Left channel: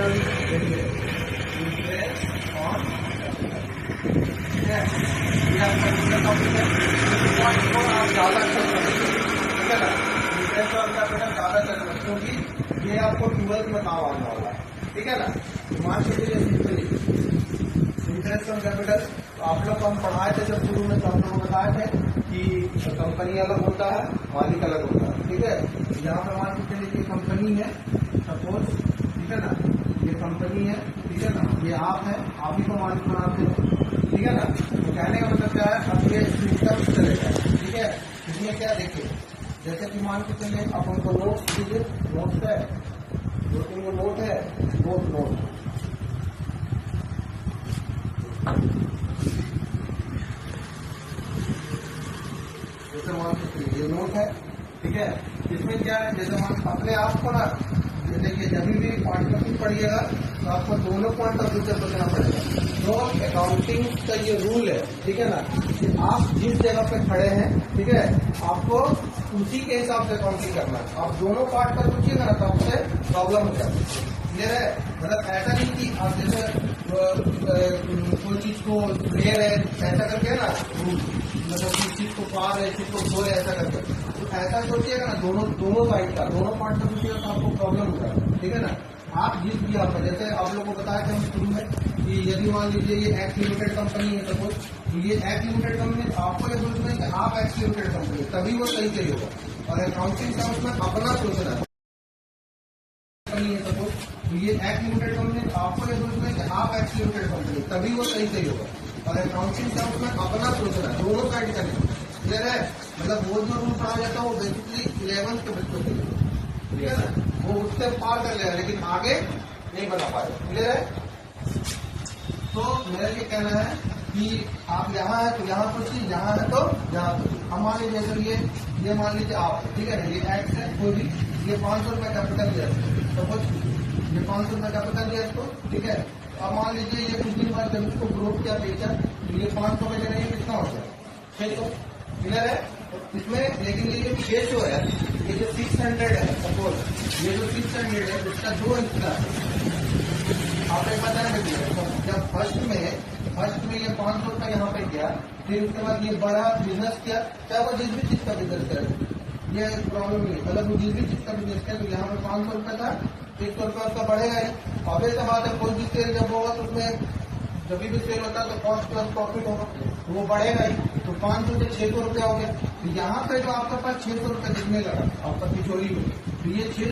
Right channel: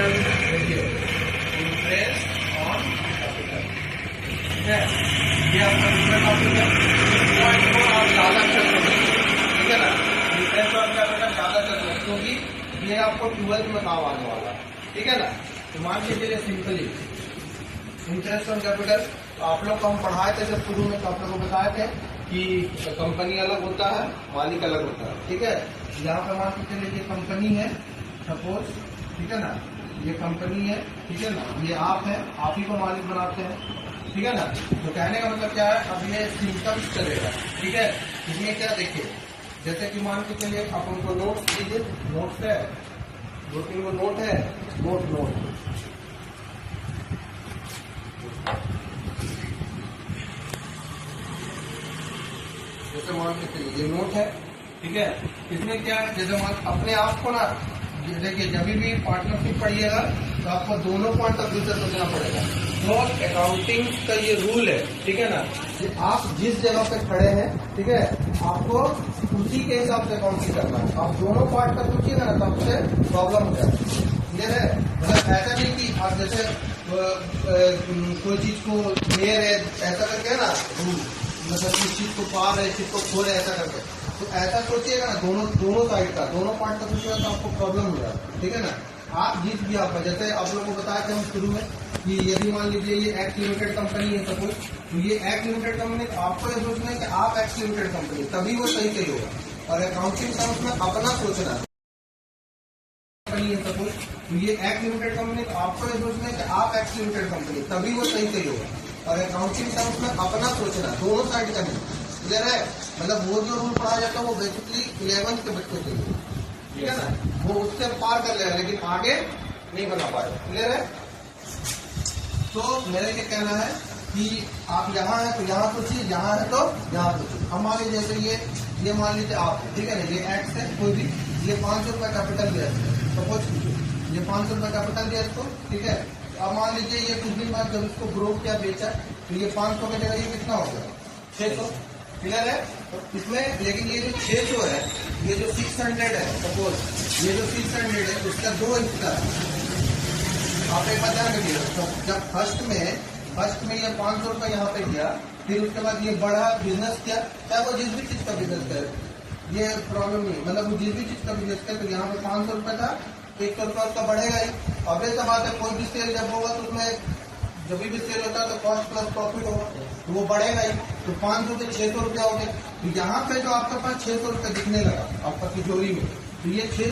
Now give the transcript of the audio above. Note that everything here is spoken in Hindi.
इंटरेस्ट ऑन कैपिटल, ठीक है। ये आपका दूसरा टॉपिक है। इस पॉइंट को आप ज्यादा चल सकते, ठीक है ना। इंटरेस्ट ऑन कैपिटल ज्यादा चल सकते क्योंकि ये आपको 12th में काम आने वाला है, ठीक है ना। तो मान लीजिए सिंपली इंटरेस्ट ऑन कैपिटल आप लोग को हम पढ़ाए थे जब शुरू में, तो हम लोग को बताए थे कि कंपनी अलग होता है, मालिक अलग होता है, ठीक है। यहाँ पर मान के चलिए कंपनी है सपोज, ठीक है ना। ये कंपनी है, ठीक है ना। ये आप है, आप ही को मालिक बनाते हैं, ठीक है ना। तो कहने का मतलब क्या है, अब ये सिस्टम चलेगा, ठीक है। इसमें क्या देखिए, जैसे कि मान के चलिए अपन को नोट लीजिए, नोट है, 2-3 को नोट है, नोट जैसे मान के चलिए ये नोट है, ठीक है। इसमें क्या है, जैसे मान अपने आप को ना देखिए, जब भी पार्टनरशिप पढ़िएगा तो आपको दोनों पॉइंट ऑफ व्यू से सोचना पड़ेगा। तो अकाउंटिंग का ये रूल है, ठीक है ना, कि आप जिस जगह पे खड़े हैं, ठीक है, आपको उसी के हिसाब से अकाउंटिंग करना है। आप दोनों पार्ट का सोचिएगा ना, तो आपसे प्रॉब्लम हो जाएगी। क्लियर है। मतलब ऐसा नहीं कि आप जैसे कोई चीज को घेर है ऐसा करके ना रूल, मतलब इस चीज को पार है, इस चीज को खोल है, ऐसा करके। तो ऐसा सोचिएगा ना, दोनों साइड का, दोनों पार्ट का सोचिएगा तो आपको प्रॉब्लम हो जाएगा, ठीक है ना। आप जिस भी आपका, जैसे आप लोगों को बताया था हम शुरू में कि यदि मान लीजिए ये एक्स लिमिटेड कंपनी है सपोज, तो ये एक्स लिमिटेड कंपनी, आपको ये सोचना है कि आप एक्स लिमिटेड कंपनी, तभी वो सही सही होगा। और अकाउंटिंग टर्म्स में अपना सोचना है कंपनी है सपोज, तो ये एक्स लिमिटेड कंपनी, आपको ये सोचना है कि आप एक्स लिमिटेड कंपनी, तभी वो सही सही होगा। और अकाउंटिंग टर्म्स में अपना सोचना है, दोनों साइड का नहीं। क्लियर है। मतलब वो जो रूल पढ़ा जाता है वो बेसिकली 11th के बच्चों के लिए, ठीक है ना, वो उससे पार कर लिया, लेकिन आगे नहीं बना पाए। क्लियर है। तो मेरा ये कहना है कि आप यहाँ है तो यहाँ सोचिए, यहाँ है तो यहाँ सोचिए। हम मान लीजिए जैसे ये मान लीजिए आप, ठीक है ना, ये एक्स है, कोई भी, ये 500 रुपये कैपिटल दिया सपोज कीजिए, ये 500 रुपये कैपिटल दिया इसको, ठीक है। अब मान लीजिए ये कुछ दिन बाद जब इसको ग्रोथ किया, बेचा, तो ये 500 की जगह ये कितना हो गया, 600। क्लियर है। तो इसमें लेकिन ये जो 600 है, ये जो 600 है सपोज, ये जो 600 है उसका 2 हिस्सा है। आप एक बात ध्यान रखिएगा, तो जब फर्स्ट में ये 500 रुपये यहाँ पे किया, फिर उसके बाद ये बड़ा बिजनेस किया, चाहे वो जिस भी चीज का बिजनेस करे, ये प्रॉब्लम नहीं है। मतलब वो जिस भी चीज का बिजनेस करे, तो यहाँ पे 500 रुपये था, 100 रुपये उसका बढ़ेगा ही। अब ऐसा बात है, कोई भी सेल जब होगा तो उसमें जब भी सेल होता है तो कॉस्ट प्लस प्रॉफिट होगा, तो वो बढ़ेगा ही। तो 500 से 600 रुपया हो गया। तो यहाँ पे जो आपके पास 600 रुपये दिखने लगा आपका तिजोरी में, तो ये 6